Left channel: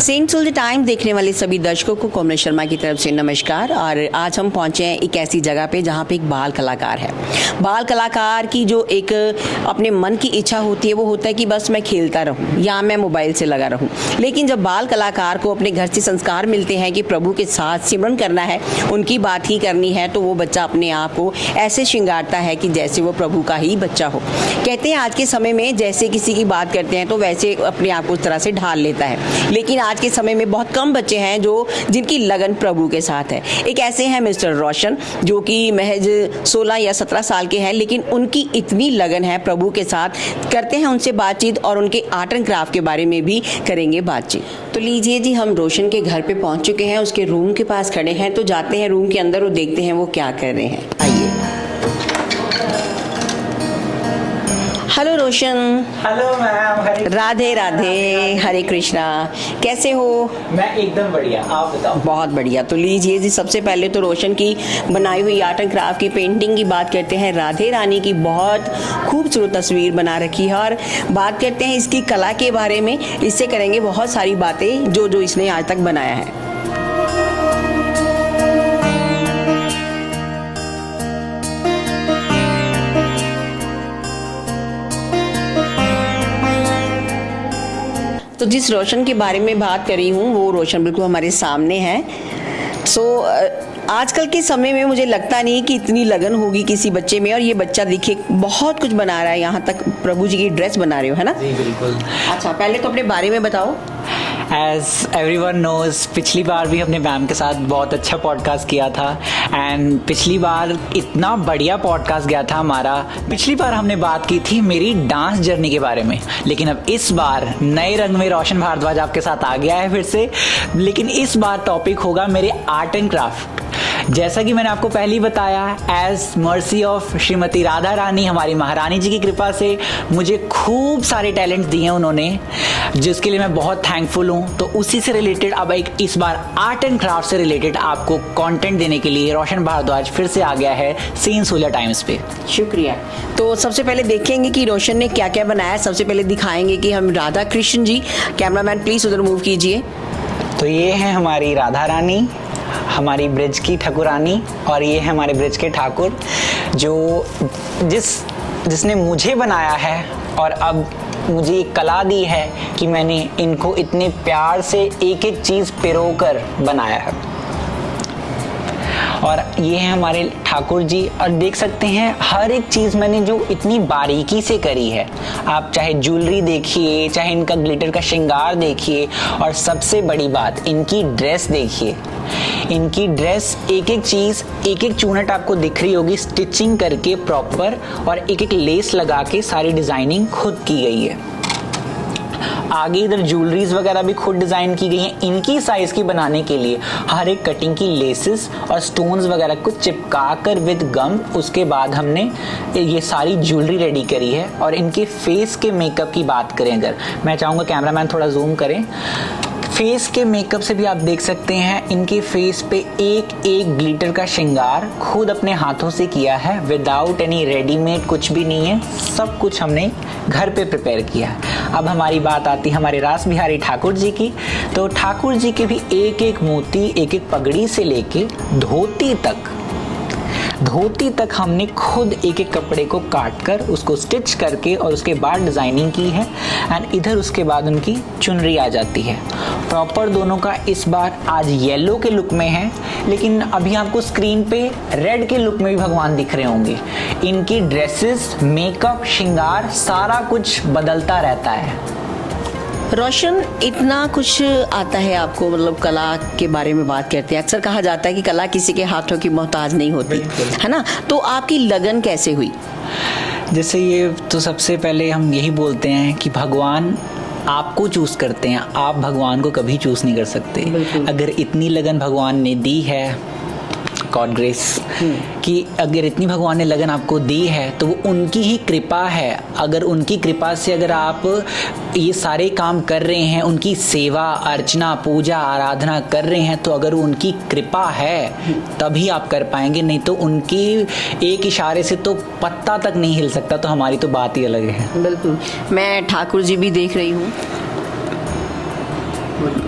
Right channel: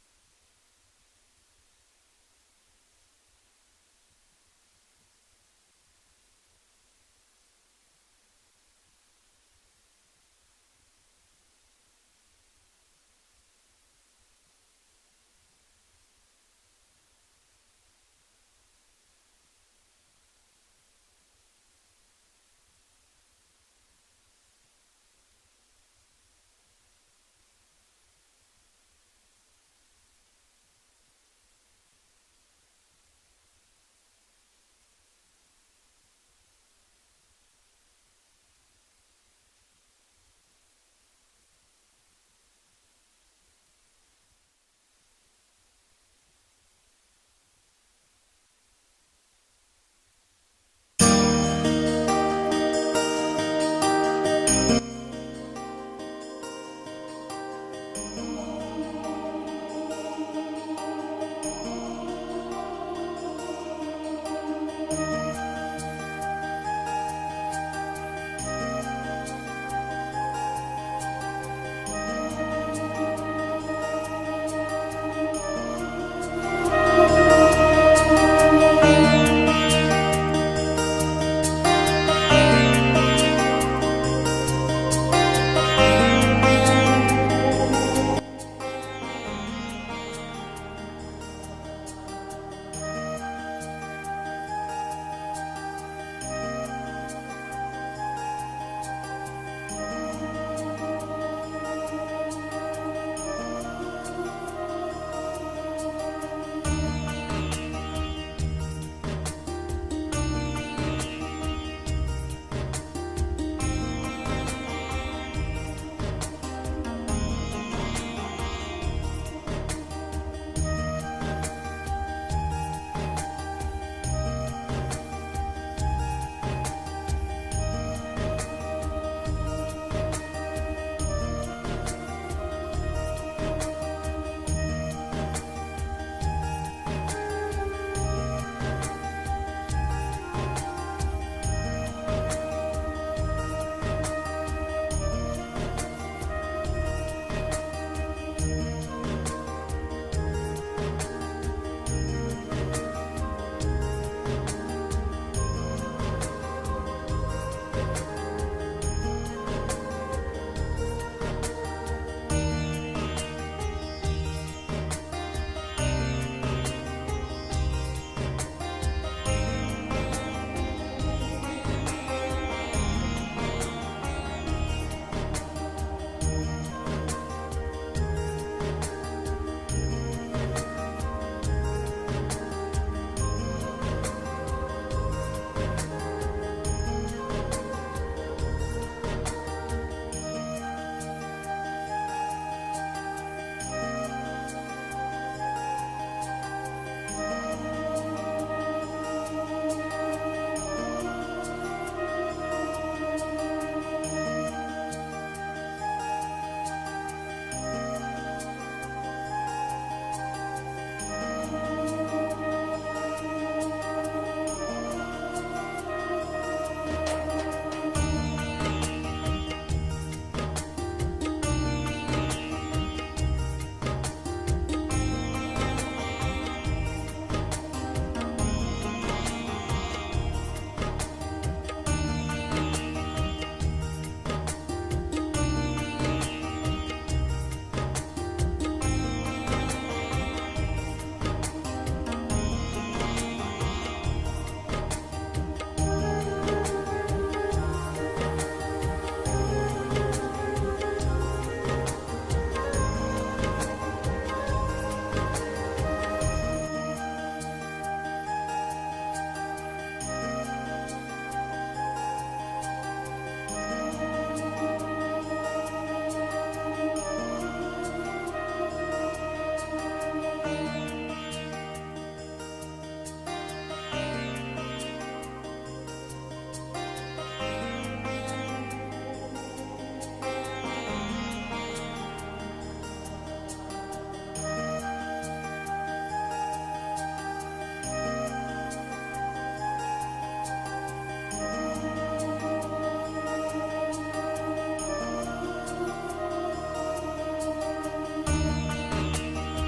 Saint Schultz times देखने वाले सभी दर्शकों को कोमल शर्मा की तरफ से नमस्कार। और आज हम पहुंचे हैं एक ऐसी जगह पे जहां पे एक बाल कलाकार है। बाल कलाकार की जो एक अपने मन की इच्छा होती है वो होता है कि बस मैं खेलता रहूं या मैं मोबाइल से लगा रहूं। लेकिन जब बाल कलाकार को अपने घर से संस्कार मिलते हैं कि प्रभु के साथ सिमरन करना है, उनकी बात ही करनी है, तो वो बच्चा अपने आप को ऐसे श्रृंगारता है कि जैसे वो प्रभु का ही बच्चा हो। कहते हैं आज के समय में जैसे किसी की बात करते हैं तो वैसे अपने आप को उस तरह से ढाल लेता है। लेकिन आज के समय में बहुत कम बच्चे हैं जिनकी लगन प्रभु के साथ है। एक ऐसे हैं मिस्टर रोशन, जो कि महज 16 या 17 साल के हैं, लेकिन उनकी इतनी लगन है प्रभु के साथ। करते हैं उनसे बातचीत और उनके आर्ट एंड क्राफ्ट के बारे में भी करेंगे बातचीत। तो लीजिए जी, हम रोशन के घर पे पहुंच चुके हैं, उसके रूम के पास खड़े हैं। तो जाते हैं रूम के अंदर और देखते हैं वो क्या कर रहे हैं। आइए। Hello Roshan. Hello ma'am. Radhe Radhe, Hare Krishna. कैसे हो? मैं एकदम बढ़िया, आप बताओ। बहुत बढ़िया। तो लीजिए जी, सबसे पहले तो रोशन की बनाई हुई आर्ट एंड क्राफ्ट की पेंटिंग की बात करते हैं। राधे रानी की बहुत खूबसूरत तस्वीर बना रखी है और बात करते हैं इसकी कला के बारे में। इससे करेंगे बहुत सारी बातें जो इसने आज तक बनाया है। तो जिस रोशन के बारे में बात करी हूँ वो रोशन बिल्कुल हमारे सामने है। आजकल के समय में मुझे लगता नहीं कि इतनी लगन होगी किसी बच्चे में। और ये बच्चा देखिए बहुत कुछ बना रहा है, यहाँ तक प्रभु जी की ड्रेस बना रहे हो, है ना? जी बिल्कुल। अच्छा, पहले तो अपने बारे में बताओ। एज एवरीवन नोज, पिछली बार भी हमने मैम के साथ बहुत अच्छा पॉडकास्ट किया था एंड पिछली बार इतना बढ़िया पॉडकास्ट गया था हमारा। पिछली बार हमने बात की थी मेरी डांस जर्नी के बारे में, लेकिन अब इस बार नए रंग में रोशन भारद्वाज आपके साथ आ गया है फिर से। लेकिन इस बार टॉपिक होगा मेरे आर्ट एंड क्राफ्ट। जैसा कि मैंने आपको पहले ही बताया, as mercy of Shrimati Radha Rani, हमारी महारानी जी की कृपा से मुझे खूब सारे टैलेंट दिए हैं उन्होंने, जिसके लिए मैं बहुत थैंकफुल हूँ। तो उसी से रिलेटेड अब एक इस बार आर्ट एंड क्राफ्ट से रिलेटेड आपको कंटेंट देने के लिए रोशन भारद्वाज फिर से आ गया है सेंट सुल्ज टाइम्स पे। शुक्रिया। तो सबसे पहले देखेंगे कि रोशन ने क्या क्या बनाया। सबसे पहले दिखाएंगे कि हम राधा कृष्ण जी, कैमरामैन प्लीज उधर मूव कीजिए। तो ये है हमारी राधा रानी, हमारी ब्रिज की ठाकुरानी, और ये है हमारे ब्रिज के ठाकुर, जो जिसने मुझे बनाया है और अब मुझे एक कला दी है कि मैंने इनको इतने प्यार से एक एक चीज़ पिरोकर बनाया है। और ये है हमारे ठाकुर जी, और देख सकते हैं हर एक चीज़ मैंने जो इतनी बारीकी से करी है। आप चाहे ज्वेलरी देखिए, चाहे इनका ग्लिटर का श्रृंगार देखिए, और सबसे बड़ी बात इनकी ड्रेस देखिए। इनकी ड्रेस एक एक चीज़, एक एक चूनट आपको दिख रही होगी स्टिचिंग करके प्रॉपर, और एक एक लेस लगा के सारी डिज़ाइनिंग खुद की गई है। आगे इधर ज्वेलरीज वगैरह भी खुद डिज़ाइन की गई हैं। इनकी साइज़ की बनाने के लिए हर एक कटिंग की लेसेस और स्टोन्स वगैरह को चिपका कर विद गम, उसके बाद हमने ये सारी ज्वेलरी रेडी करी है। और इनके फेस के मेकअप की बात करें, अगर मैं चाहूँगा कैमरामैन थोड़ा जूम करें, फेस के मेकअप से भी आप देख सकते हैं इनके फेस पे एक एक ग्लिटर का श्रृंगार खुद अपने हाथों से किया है, विदाउट एनी रेडीमेड, कुछ भी नहीं है, सब कुछ हमने घर पे प्रिपेयर किया है। अब हमारी बात आती है हमारे रास बिहारी ठाकुर जी की। तो ठाकुर जी के भी एक एक मोती, एक एक पगड़ी से लेके धोती तक हमने खुद एक एक कपड़े को काट कर उसको स्टिच करके और उसके बाद डिज़ाइनिंग की है। एंड इधर उसके बाद उनकी चुनरी आ जाती है। प्रॉपर दोनों का इस बार आज येलो के लुक में है, लेकिन अभी आपको स्क्रीन पे रेड के लुक में भी भगवान दिख रहे होंगे। इनकी ड्रेसेस, मेकअप, श्रृंगार सारा कुछ बदलता रहता है। रोशन, इतना कुछ आता है आपको, मतलब कला के बारे में बात करते हैं। अक्सर कहा जाता है कि कला किसी के हाथों की मोहताज नहीं होती, है ना? तो आपकी लगन कैसे हुई? जैसे ये तो सबसे पहले हम यही बोलते हैं कि भगवान आपको चूज करते हैं, आप भगवान को कभी चूज नहीं कर सकते। अगर इतनी लगन भगवान ने दी है, गॉड ग्रेस, कि अगर इतनी भगवान ने लगन आपको दी है तो वो उनकी ही कृपा है। अगर उनकी कृपा से अगर आप ये सारे काम कर रहे हैं, उनकी सेवा अर्चना पूजा आराधना कर रहे हैं, तो अगर उनकी कृपा है तभी आप कर पाएंगे, नहीं तो उनकी एक इशारे से तो पत्ता तक नहीं हिल सकता। तो हमारी तो बात ही अलग है। बिल्कुल। मैं ठाकुर जी भी देख रही हूँ।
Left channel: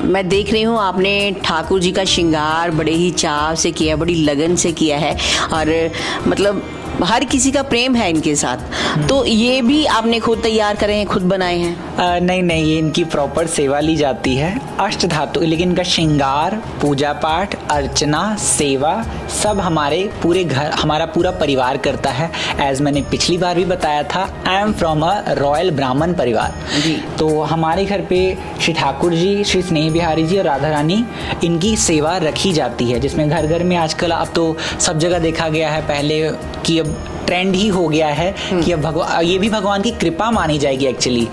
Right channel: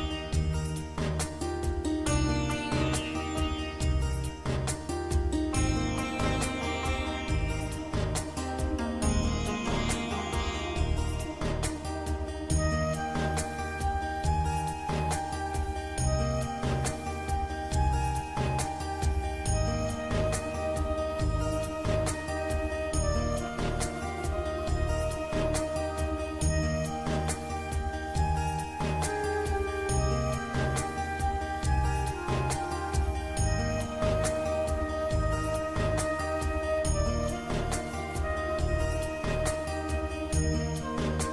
मैं देख रही हूँ आपने ठाकुर जी का श्रृंगार बड़े ही चाव से किया, बड़ी लगन से किया है और मतलब हर किसी का प्रेम है इनके साथ। तो ये भी आपने खुद तैयार करे हैं, खुद बनाए हैं? नहीं नहीं, ये इनकी प्रॉपर सेवा ली जाती है, अष्ट धातु, लेकिन इनका श्रृंगार, पूजा पाठ, अर्चना, सेवा सब हमारे पूरे घर, हमारा पूरा परिवार करता है। एज मैंने पिछली बार भी बताया था, I am from a royal ब्राह्मण परिवार जी। तो हमारे घर पे श्री ठाकुर जी, श्री स्नेह बिहारी जी और राधा रानी, इनकी सेवा रखी जाती है, जिसमें घर घर में आजकल अब तो सब जगह देखा गया है, पहले कि अब ट्रेंड ही हो गया है कि अब ये भी भगवान की कृपा मानी जाएगी एक्चुअली,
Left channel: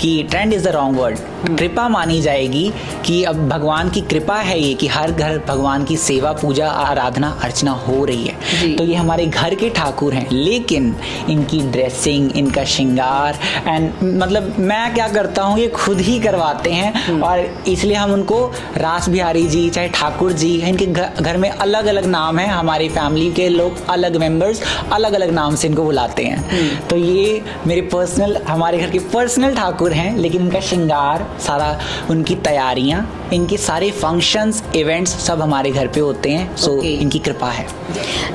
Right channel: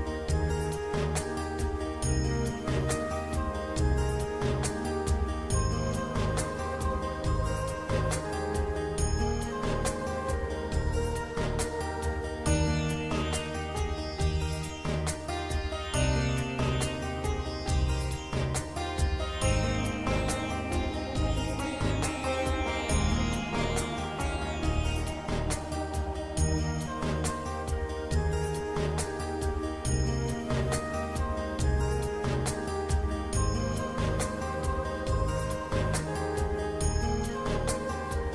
कि trend is the wrong word, कृपा मानी जाएगी कि अब भगवान की कृपा है ये कि हर घर भगवान की सेवा, पूजा, आराधना, अर्चना हो रही है। तो ये हमारे घर के ठाकुर हैं, लेकिन इनकी ड्रेसिंग, इनका श्रृंगार एंड मतलब मैं क्या करता हूँ, ये खुद ही करवाते हैं और इसलिए हम उनको रास बिहारी जी, चाहे ठाकुर जी, इनके घर में अलग अलग नाम है, हमारी फैमिली के लोग अलग मेंबर्स अलग अलग नाम से इनको बुलाते हैं। तो ये मेरे पर्सनल, हमारे घर के पर्सनल ठाकुर हैं, लेकिन इनका श्रृंगार, सारा उनकी तैयारियां, इनके सारे फंक्शंस, इवेंट्स सब हमारे घर पे होते हैं। सो इनकी कृपा है।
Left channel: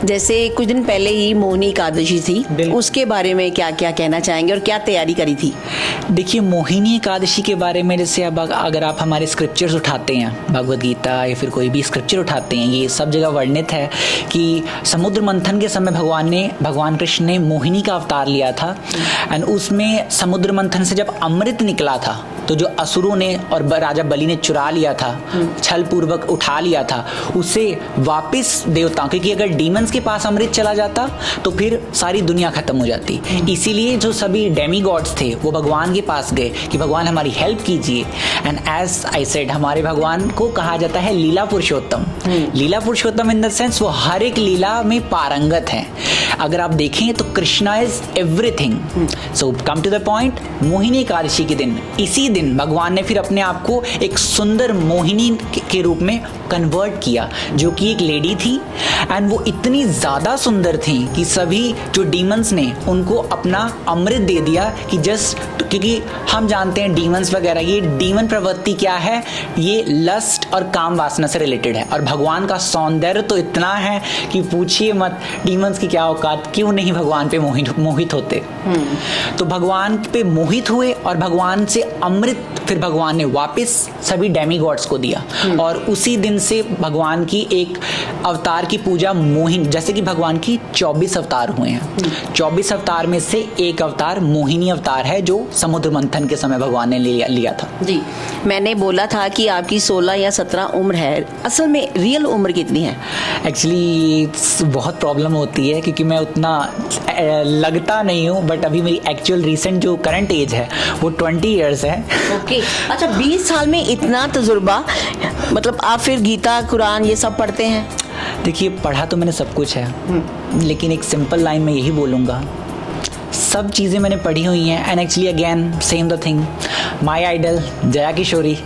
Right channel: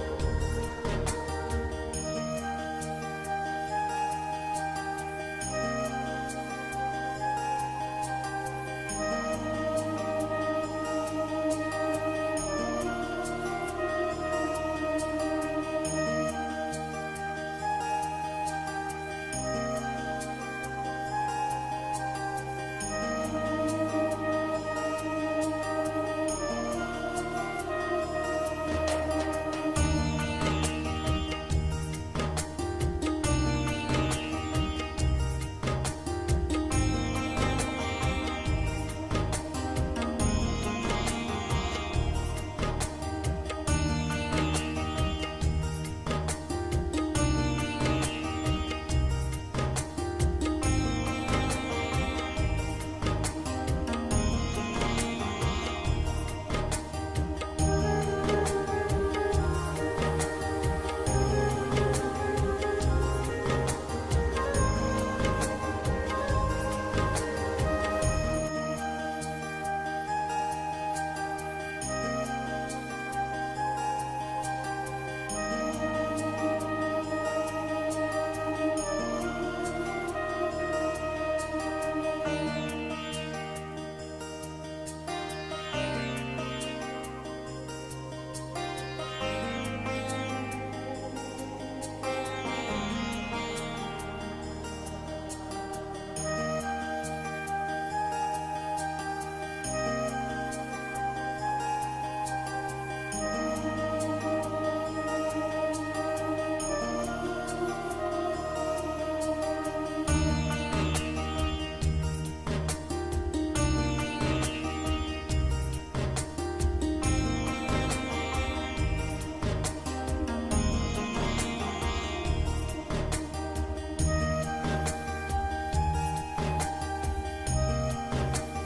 जैसे कुछ दिन पहले ही मोहिनी एकादशी थी, उसके बारे में क्या क्या कहना चाहेंगे और क्या तैयारी करी थी? देखिए, मोहिनी एकादशी के बारे में जैसे अब अगर आप हमारे स्क्रिप्चर्स उठाते हैं, भगवद गीता या फिर कोई भी स्क्रिप्चर उठाते हैं, ये सब जगह वर्णित है कि समुद्र मंथन के समय भगवान कृष्ण ने मोहिनी का अवतार लिया था एंड उसमें समुद्र मंथन से जब अमृत निकला था, तो जो असुरों ने और राजा बलि ने चुरा लिया था, छल पूर्वक उठा लिया था, उसे वापस देवताओं, क्योंकि अगर डीमंस के पास अमृत चला जाता तो फिर सारी दुनिया खत्म हो जाती। इसीलिए जो सभी डेमी गॉड्स थे वो भगवान के पास गए कि भगवान हमारी हेल्प कीजिए। एंड एज आई सेड, हमारे भगवान को कहा जाता है लीला पुरुषोत्तम। लीला पुरुषोत्तम इन द सेंस वो हर एक लीला में पारंगत है। अगर आप देखें तो Krishna is everything. So come to the point, Mohini Ekadashi के दिन, इसी दिन भगवान ने फिर अपने आप को एक सुंदर मोहिनी के रूप में कन्वर्ट किया, जो कि एक लेडी थी एंड वो इतनी ज़्यादा सुंदर थी कि सभी जो डीमंस ने उनको अपना अमृत दे दिया कि जस्ट, क्योंकि हम जानते हैं डीमंस वगैरह, ये डीमन प्रवृत्ति क्या है, ये लस्ट और काम वासना से रिलेटेड है। और भगवान का सौंदर्य तो इतना है कि पूछिए मत, डीमंस की क्या औकात, क्यों नहीं भगवान पे मोहित होते। तो भगवान पे मोहित हुए और भगवान से अमृत फिर भगवान ने वापस सभी डेमी गॉड्स को दिया और उसी दिन से भगवान की एक अवतार की पूजा मोहिनी, जैसे कि भगवान की 24 अवतार हुए हैं, 24 अवतार में से एक अवतार मोहिनी अवतार है, जो समुद्र मंथन के समय भगवान ने लिया था। जी, मैंने बोला था कि आपकी 16 या 17 उम्र है, असल में रियल उम्र कितनी है? एक्चुअली बहुत प्रॉब्लम होती है क्योंकि मैं उतना लगता नहीं हूँ, बट अभी मेरी एक्चुअल रिसेंट जो करंट एज है वो 20 ईयर्स है। ओके, अच्छा 20 साल में इतना तजुर्बा, मतलब आप फिर गीता, कुरान ये सब पढ़ते हैं? देखिए, पढ़ा तो मैंने सब कुछ है, लेकिन एक सिंपल लाइन में यही बोलूँगा, सब चीज़ें मैंने पढ़ी हुई हैं। And actually again same the thing, my idol Jaya Kishori,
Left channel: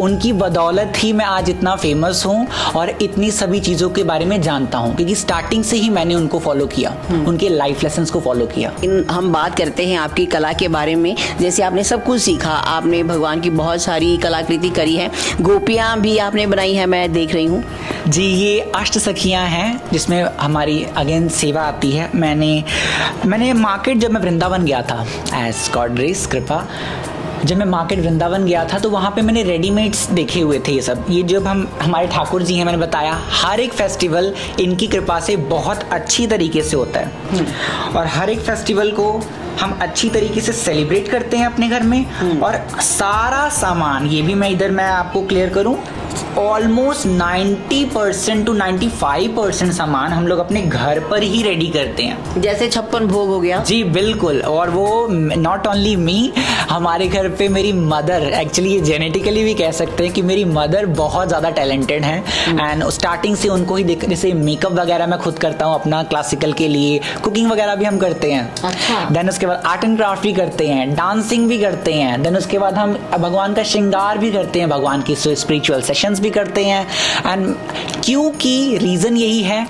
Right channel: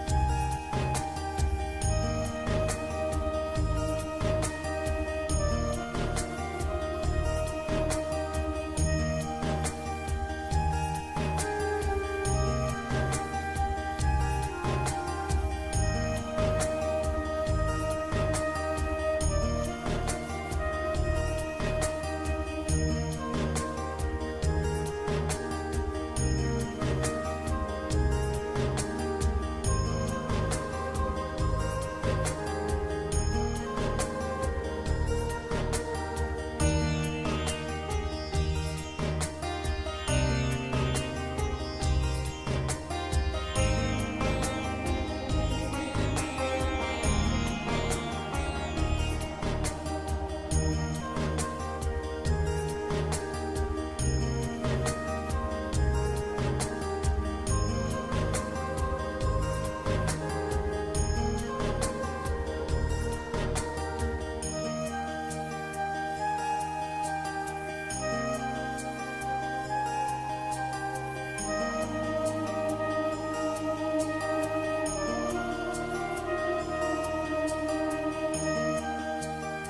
उनकी बदौलत ही मैं आज इतना फेमस हूँ और इतनी सभी चीज़ों के बारे में जानता हूँ, क्योंकि स्टार्टिंग से ही मैंने उनको फॉलो किया, उनके लाइफ लेसन्स को फॉलो किया। हम बात करते हैं आपकी कला के बारे में। जैसे आपने सब कुछ सीखा, आपने भगवान की बहुत सारी कलाकृति करी है, गोपियाँ भी आपने बनाई है, मैं देख रही हूँ। जी, ये अष्ट सखियाँ हैं जिसमें हमारी अगेन सेवा आती है। मैंने मार्केट, जब मैं वृंदावन गया था, एज गॉड ग्रेस कृपा, जब मैं मार्केट वृंदावन गया था तो वहाँ पे मैंने रेडीमेड्स देखे हुए थे। ये सब, ये जब हमारे ठाकुर जी हैं, मैंने बताया हर एक फेस्टिवल इनकी कृपा से बहुत अच्छी तरीके से होता है और हर एक फेस्टिवल को हम अच्छी तरीके से सेलिब्रेट करते हैं अपने घर में। और सारा सामान, ये भी मैं आपको क्लियर करूं, ऑलमोस्ट 90% to 95% सामान हम लोग अपने घर पर ही रेडी करते हैं। जैसे 56 भोग हो गया। जी बिल्कुल, और वो नॉट ओनली मी, हमारे घर पे मेरी मदर, एक्चुअली ये जेनेटिकली भी कह सकते हैं कि मेरी मदर बहुत ज़्यादा टैलेंटेड हैं एंड स्टार्टिंग से उनको ही देख, जैसे मेकअप वगैरह मैं खुद करता हूँ अपना क्लासिकल के लिए, कुकिंग वगैरह भी हम करते हैं। अच्छा। देन उसके बाद आर्ट एंड क्राफ्ट भी करते हैं, डांसिंग भी करते हैं, देन उसके बाद हम भगवान का श्रृंगार भी करते हैं, भगवान की स्पिरिचुअल सेशंस भी करते हैं। एंड क्योंकि रीज़न यही है,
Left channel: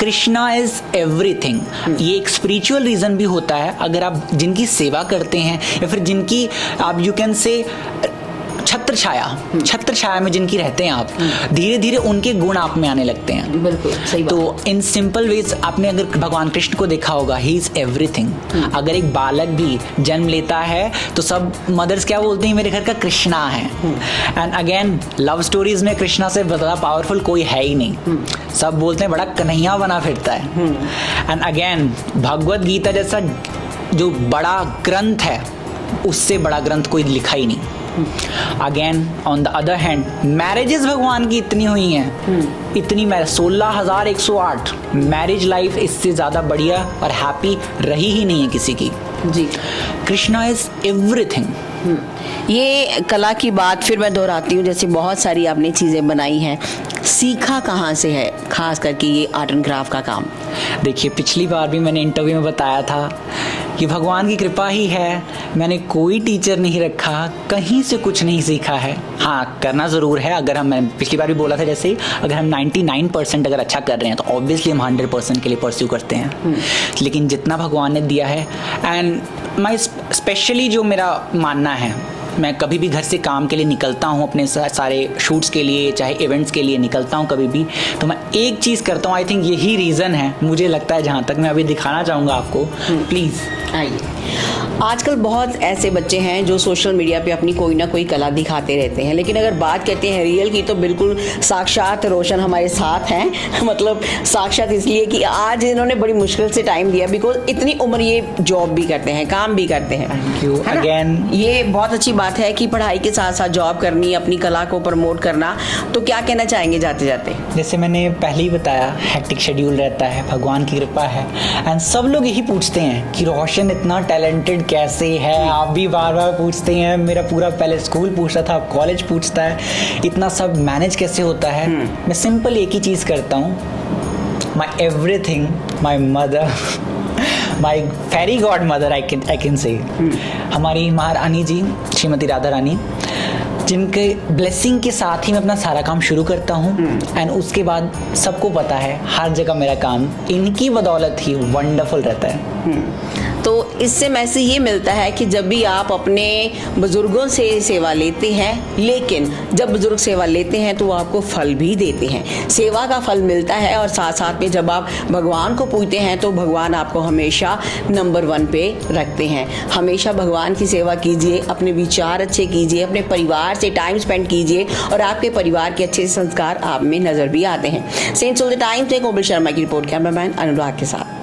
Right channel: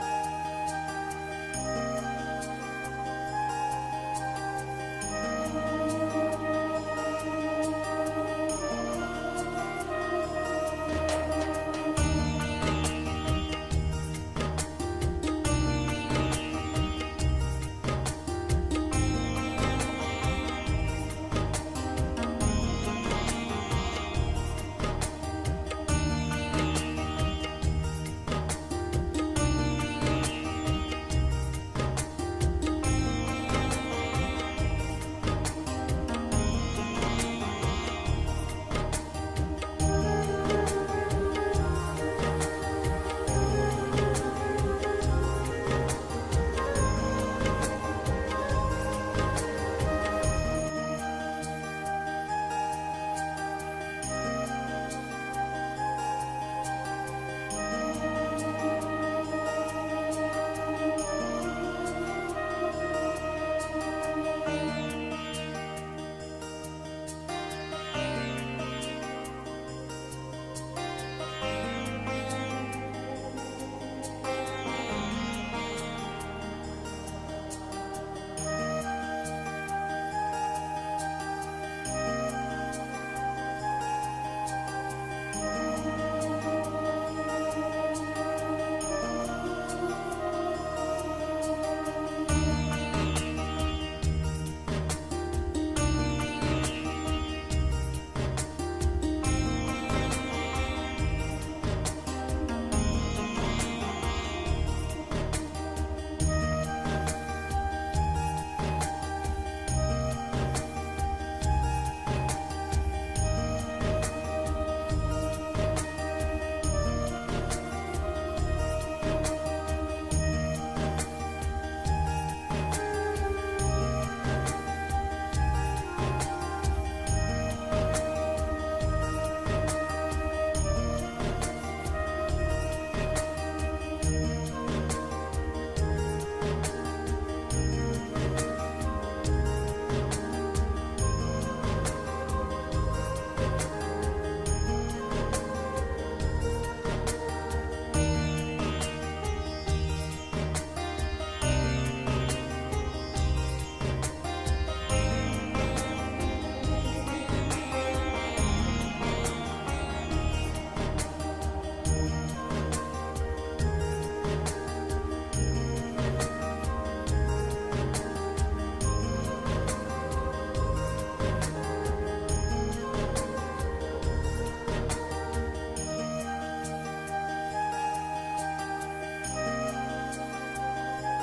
कृष्णा इज एवरीथिंग। ये एक स्पिरिचुअल रीजन भी होता है। अगर आप जिनकी सेवा करते हैं या फिर जिनकी आप यू कैन से छत्र छाया में जिनकी रहते हैं आप, धीरे धीरे उनके गुण आप में आने लगते हैं। बिल्कुल सही बात। तो इन सिंपल वेज आपने अगर भगवान कृष्ण को देखा होगा, ही इज एवरीथिंग। अगर एक बालक भी जन्म लेता है तो सब मदर्स क्या बोलते हैं, मेरे घर का कृष्णा है। एंड अगेन लव स्टोरीज में कृष्णा से ज़्यादा पावरफुल कोई है ही नहीं। सब बोलते हैं बड़ा कन्हैया बना फिरता है। एंड अगेन भगवत गीता जैसा जो बड़ा ग्रंथ है, उससे बड़ा ग्रंथ कोई लिखा ही नहीं। Again on the other hand marriages भगवान की इतनी हुई हैं, इतनी 16,108 मैरिज लाइफ इससे ज़्यादा बढ़िया और हैप्पी रही ही नहीं है किसी की। जी, कृष्णा इज एवरीथिंग। ये कला की बात फिर मैं दोहराती हूँ, जैसे बहुत सारी आपने चीज़ें बनाई हैं, सीखा कहाँ से है खास करके ये आर्ट एंड क्राफ्ट का काम? देखिए, पिछली बार भी मैंने इंटरव्यू में बताया था कि भगवान की कृपा ही है, मैंने कोई टीचर नहीं रखा, कहीं से कुछ नहीं सीखा है। हाँ, करना ज़रूर है। अगर मैं पिछली बार भी बोला था जैसे, अगर हम 99% अगर अच्छा कर रहे हैं तो ऑब्वियसली हम 100% के लिए परस्यू करते हैं। लेकिन जितना भगवान ने दिया है, एंड मैं स्पेशली जो मेरा मानना है, मैं कभी भी घर से काम के लिए निकलता हूँ, अपने सारे शूट्स के लिए चाहे इवेंट्स के लिए निकलता हूँ कभी भी, तो मैं एक चीज़ करता हूँ। आई थिंक यही रीज़न है, मुझे लगता है, जहाँ तक मैं अभी दिखाना चाहूँगा आपको। प्लीज़ आइए। आजकल बहुत ऐसे बच्चे हैं जो सोशल मीडिया पे अपनी कोई ना कोई कला दिखाते रहते हैं, लेकिन अगर बात करते हैं रियल की तो बिल्कुल साक्षात रोशन हमारे साथ हैं। मतलब साक्षात इसलिए कि आज इन्होंने बड़ी मुश्किल से टाइम दिया, बिकॉज इतनी उम्र ये जॉब भी करते हैं, काम भी करते हैं। थैंक यू है ना? अगेन। ये बहुत अच्छी बात है कि पढ़ाई के साथ साथ जॉब करनी, अपनी कला को प्रमोट करना। तो क्या कहना चाहेंगे जाते जाते? जैसे मैंने पहले ही बताया, हेक्टिक शेड्यूल रहता है, भगवान की कृपा है। एंड सब लोग यही पूछते हैं कि रोशन इतना टैलेंटेड कैसे है। आप भी बार बार पूछते हैं, मेरा पूरा पहले स्कूल पूछता था, अब कॉलेज पूछता है, इतना सब मैनेज कैसे होता है। मैं सिंपल एक ही चीज़ करता हूँ, my everything, my mother, my fairy godmother, I can say, हमारी महारानी जी श्रीमती राधा रानी, जिनके ब्लेसिंग के साथ ही मैं अपना सारा काम शुरू करता हूँ। एंड उसके बाद सबको पता है, हर जगह मेरा काम इनकी बदौलत ही वंडरफुल रहता है। तो इससे मैसेज ये मिलता है कि जब भी आप अपने बुजुर्गों से सेवा लेते हैं, लेकिन जब बुजुर्ग सेवा लेते हैं तो वो आपको फल भी देते हैं, सेवा का फल मिलता है। और साथ साथ में जब आप भगवान को पूजते हैं तो भगवान आपको हमेशा नंबर 1 पे रखते हैं। हमेशा भगवान की सेवा कीजिए, अपने विचार अच्छे कीजिए, अपने परिवार से टाइम स्पेंड कीजिए और आपके परिवार के अच्छे संस्कार आप में नज़र भी आते हैं। सेंट्स ऑफ द टाइम्स से कोमल शर्मा की रिपोर्ट, कैमरामैन अनुराग के साथ।